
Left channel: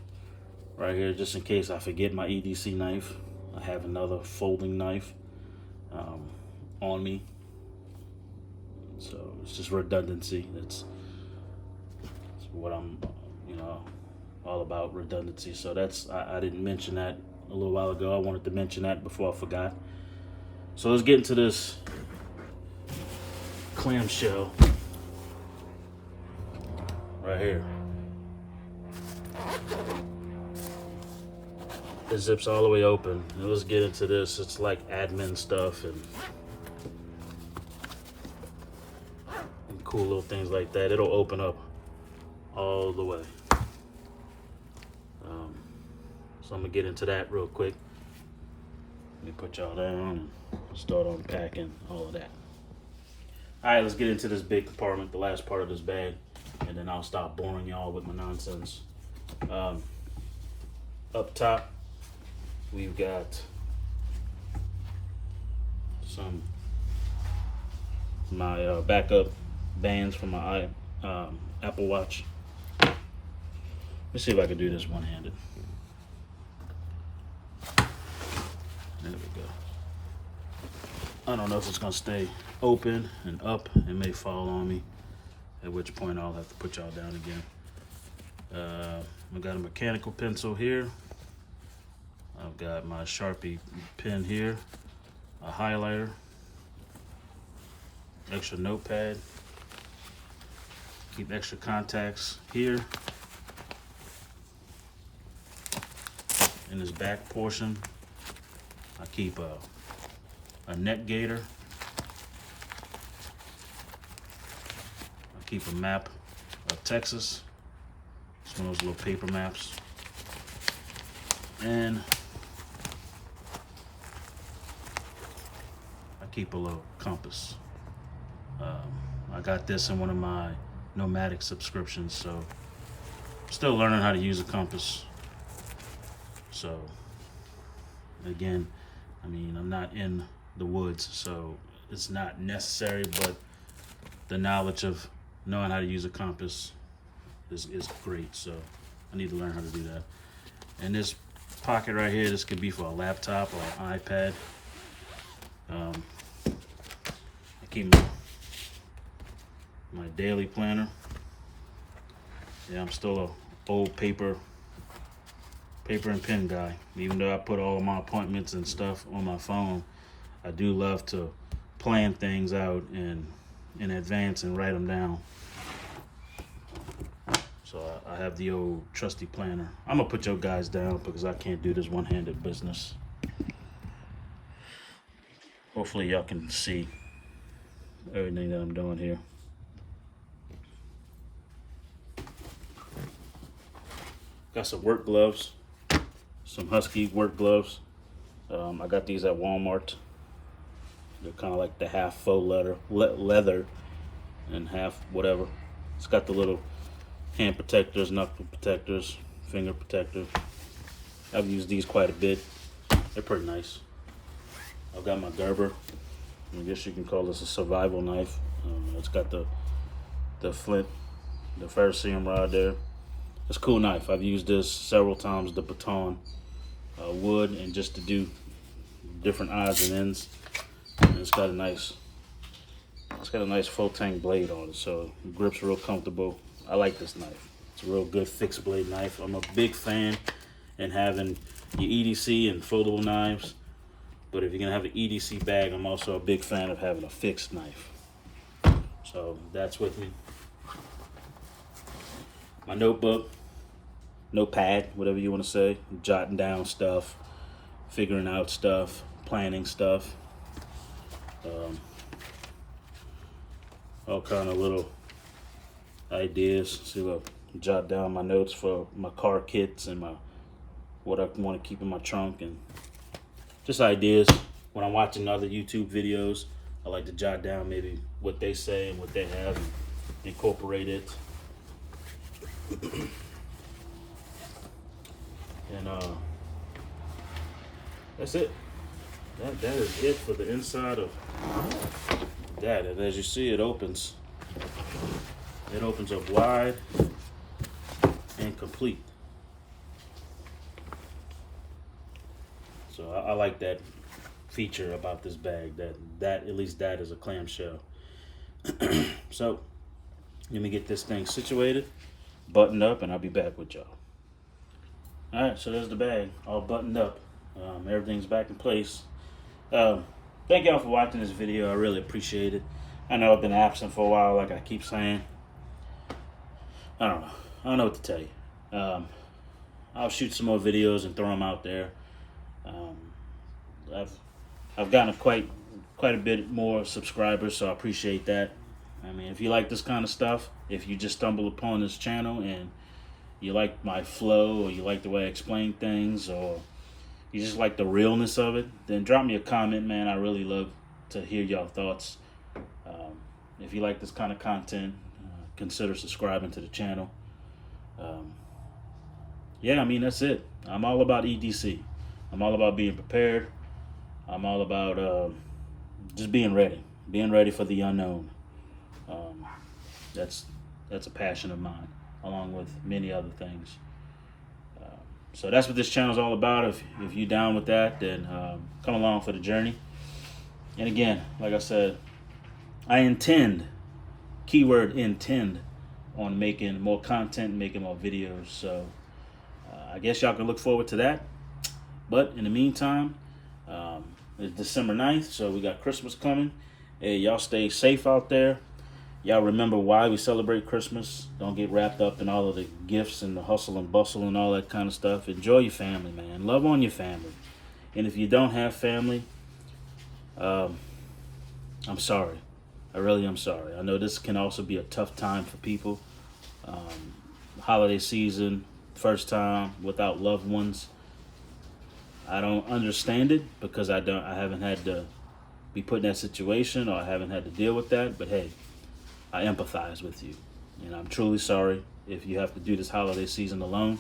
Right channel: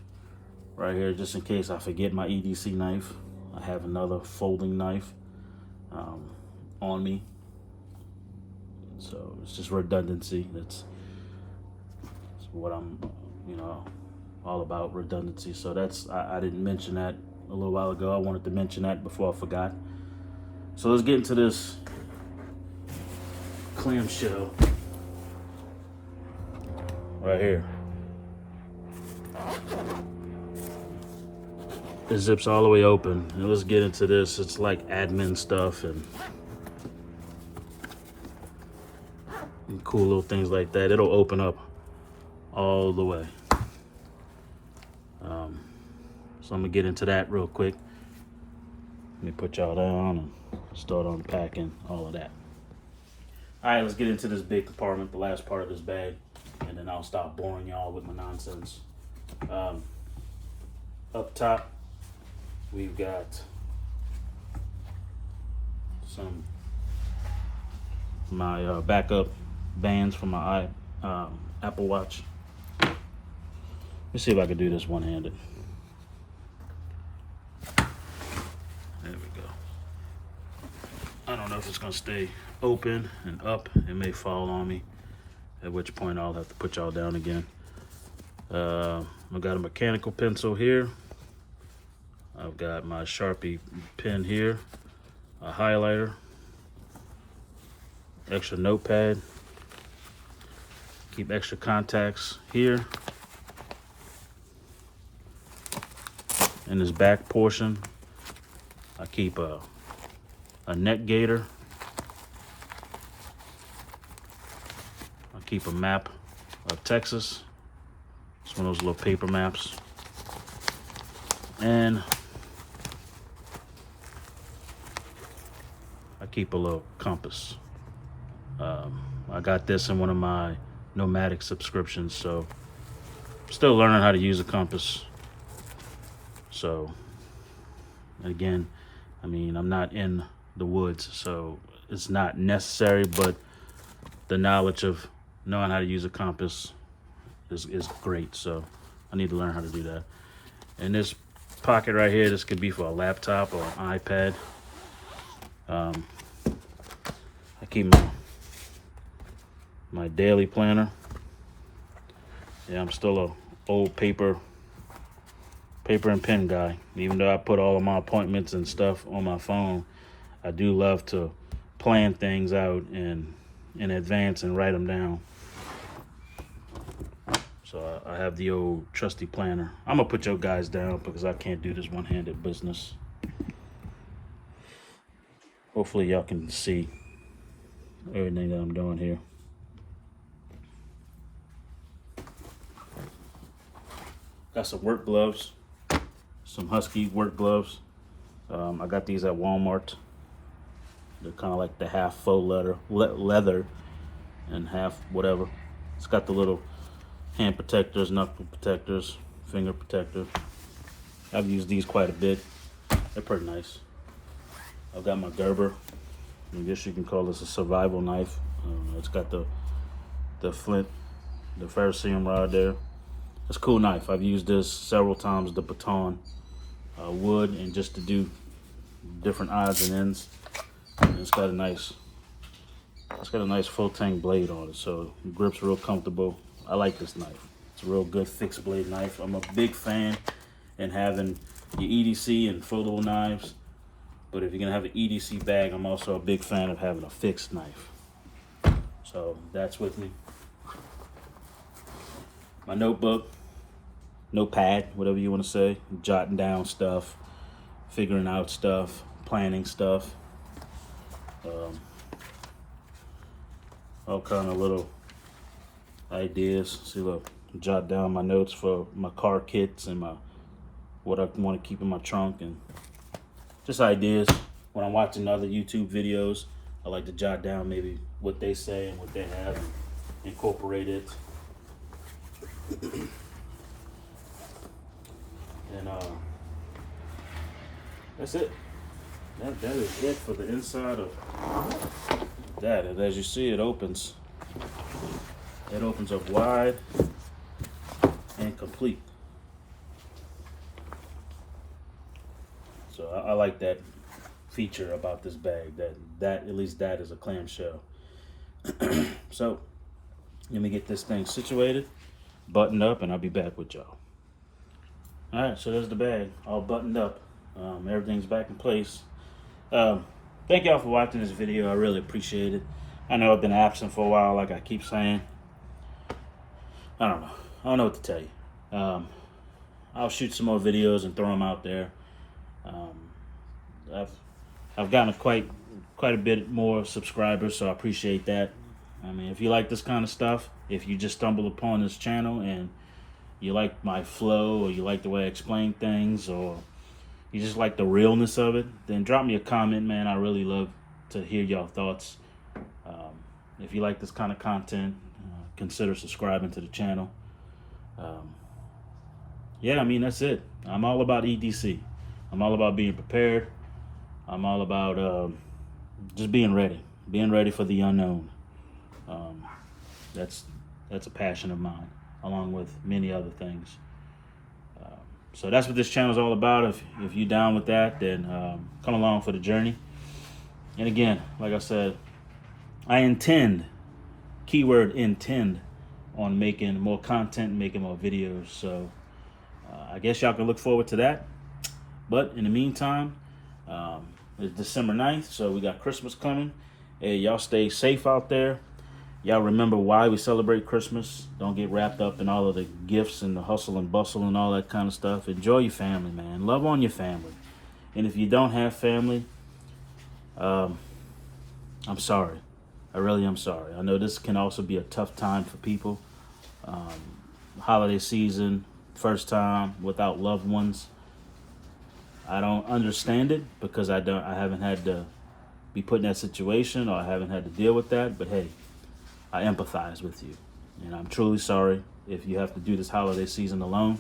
right here just in case I forget my EDC knife. I have another folding knife on me, so it's just redundancy. That's what I'm all about, redundancy. So that's I didn't mention that a little while ago. I wanted to mention that before I forgot. So let's get into this clamshell right here. It zips all the way open, and let's get into this. It's like admin stuff and cool little things like that. It'll open up all the way. So I'm gonna get into that real quick. Let me put y'all down and start unpacking all of that. All right, let's get into this big compartment, the last part of this bag, and then I'll stop boring y'all with my nonsense. Up top, we've got some my backup bands for my Apple Watch. Let's see if I can do this one-handed. There we go. I don't know if it's gonna stay open and up. It may fall on me, at which point I'll have to put y'all down again. I've got a mechanical pencil here. I've got my Sharpie pen here, a highlighter, extra notepad, keep extra contacts here. In this back portion, I keep a neck gaiter. I keep a map of Texas. It's one of those little paper maps. And I keep a little compass. I got this in one of my nomadic subscriptions, so I'm still learning how to use a compass. So again, I mean, I'm not in the woods, so it's not necessary, but the knowledge of knowing how to use a compass is great. So I need to learn how to do that. And this pocket right here, this could be for a laptop or an iPad. I keep my daily planner. Yeah, I'm still a old paper and pen guy. Even though I put all of my appointments and stuff on my phone, I do love to plan things out in advance and write them down. So I have the old trusty planner. I'm gonna put your guys down because I can't do this one-handed business. Hopefully y'all can see everything that I'm doing here. Got some work gloves, some Husky work gloves. I got these at Walmart. They're kind of like the half faux leather and half whatever. It's got the little hand protectors, knuckle protectors, finger protector. I've used these quite a bit. They're pretty nice. I've got my Gerber. I guess you can call this a survival knife. It's got the flint, the ferrocerium rod there. It's a cool knife. I've used this several times. The baton, wood, and just to do different odds and ends. And it's got a nice full tang blade on it, so it grips real comfortable. I like this knife. It's a real good fixed blade knife. I'm a big fan in having your EDC and foldable knives, but if you're gonna have an EDC bag, I'm also a big fan of having a fixed knife. So that's with me. My notebook, notepad, whatever you want to say, jotting down stuff, figuring out stuff, planning stuff, all kind of little ideas. See, I'll jot down my notes for my car kits and what I want to keep in my trunk, and just ideas. When I'm watching other YouTube videos, I like to jot down maybe what they say and what they have and incorporate it. And that's it. That is it for the inside of that. And as you see, it opens. It opens up wide and complete. So I like that feature about this bag. That at least that is a clamshell. So let me get this thing situated, buttoned up, and I'll be back with y'all. Alright, so there's the bag, all buttoned up. Everything's back in place. Thank y'all for watching this video. I really appreciate it. I know I've been absent for a while, like I keep saying. I don't know what to tell you. I'll shoot some more videos and throw them out there. I've gotten quite a bit more subscribers, so I appreciate that. I mean, if you like this kind of stuff, if you just stumble upon this channel and you like my flow, or you like the way I explain things, or you just like the realness of it, then drop me a comment, man. I really love to hear y'all thoughts. If you like this kind of content, consider subscribing to the channel. Yeah, I mean, that's it. I'm all about EDC. I'm all about being prepared. I'm all about just being ready for the unknown. That's a passion of mine, along with many other things. So that's what this channel is all about. If you're down with that, then come along for the journey. And again, like I said, I intend, keyword intend, on making more content, making more videos. So I guess y'all can look forward to that. But in the meantime, it's December 9th, so we got Christmas coming. Hey, y'all stay safe out there. Y'all remember why we celebrate Christmas. Don't get wrapped up in all of the gifts and the hustle and bustle and all that kind of stuff. Enjoy your family, man. Love on your family. And if you don't have family, I'm sorry. I really am sorry. I know this can also be a tough time for people. Holiday season, first time without loved ones. I don't understand it because I haven't had to be put in that situation, or I haven't had to deal with that. But hey, I empathize with you, and I'm truly sorry if you have to do this holiday season alone.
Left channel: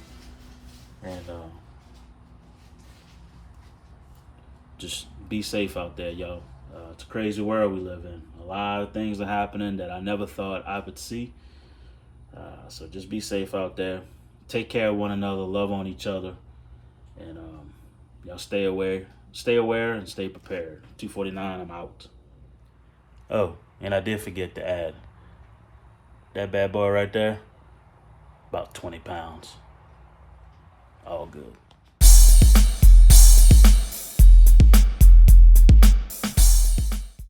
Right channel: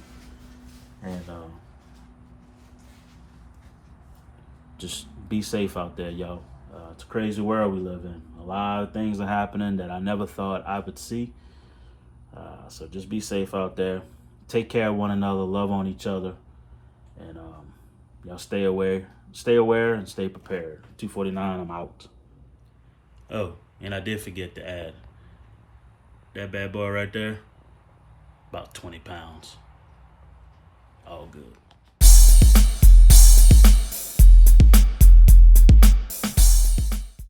And just be safe out there, yo. It's a crazy world we live in. A lot of things are happening that I never thought I would see. So just be safe out there. Take care of one another. Love on each other. And y'all stay aware, and stay prepared. 249, I'm out. Oh, and I did forget to add, that bad boy right there, about 20 pounds. All good.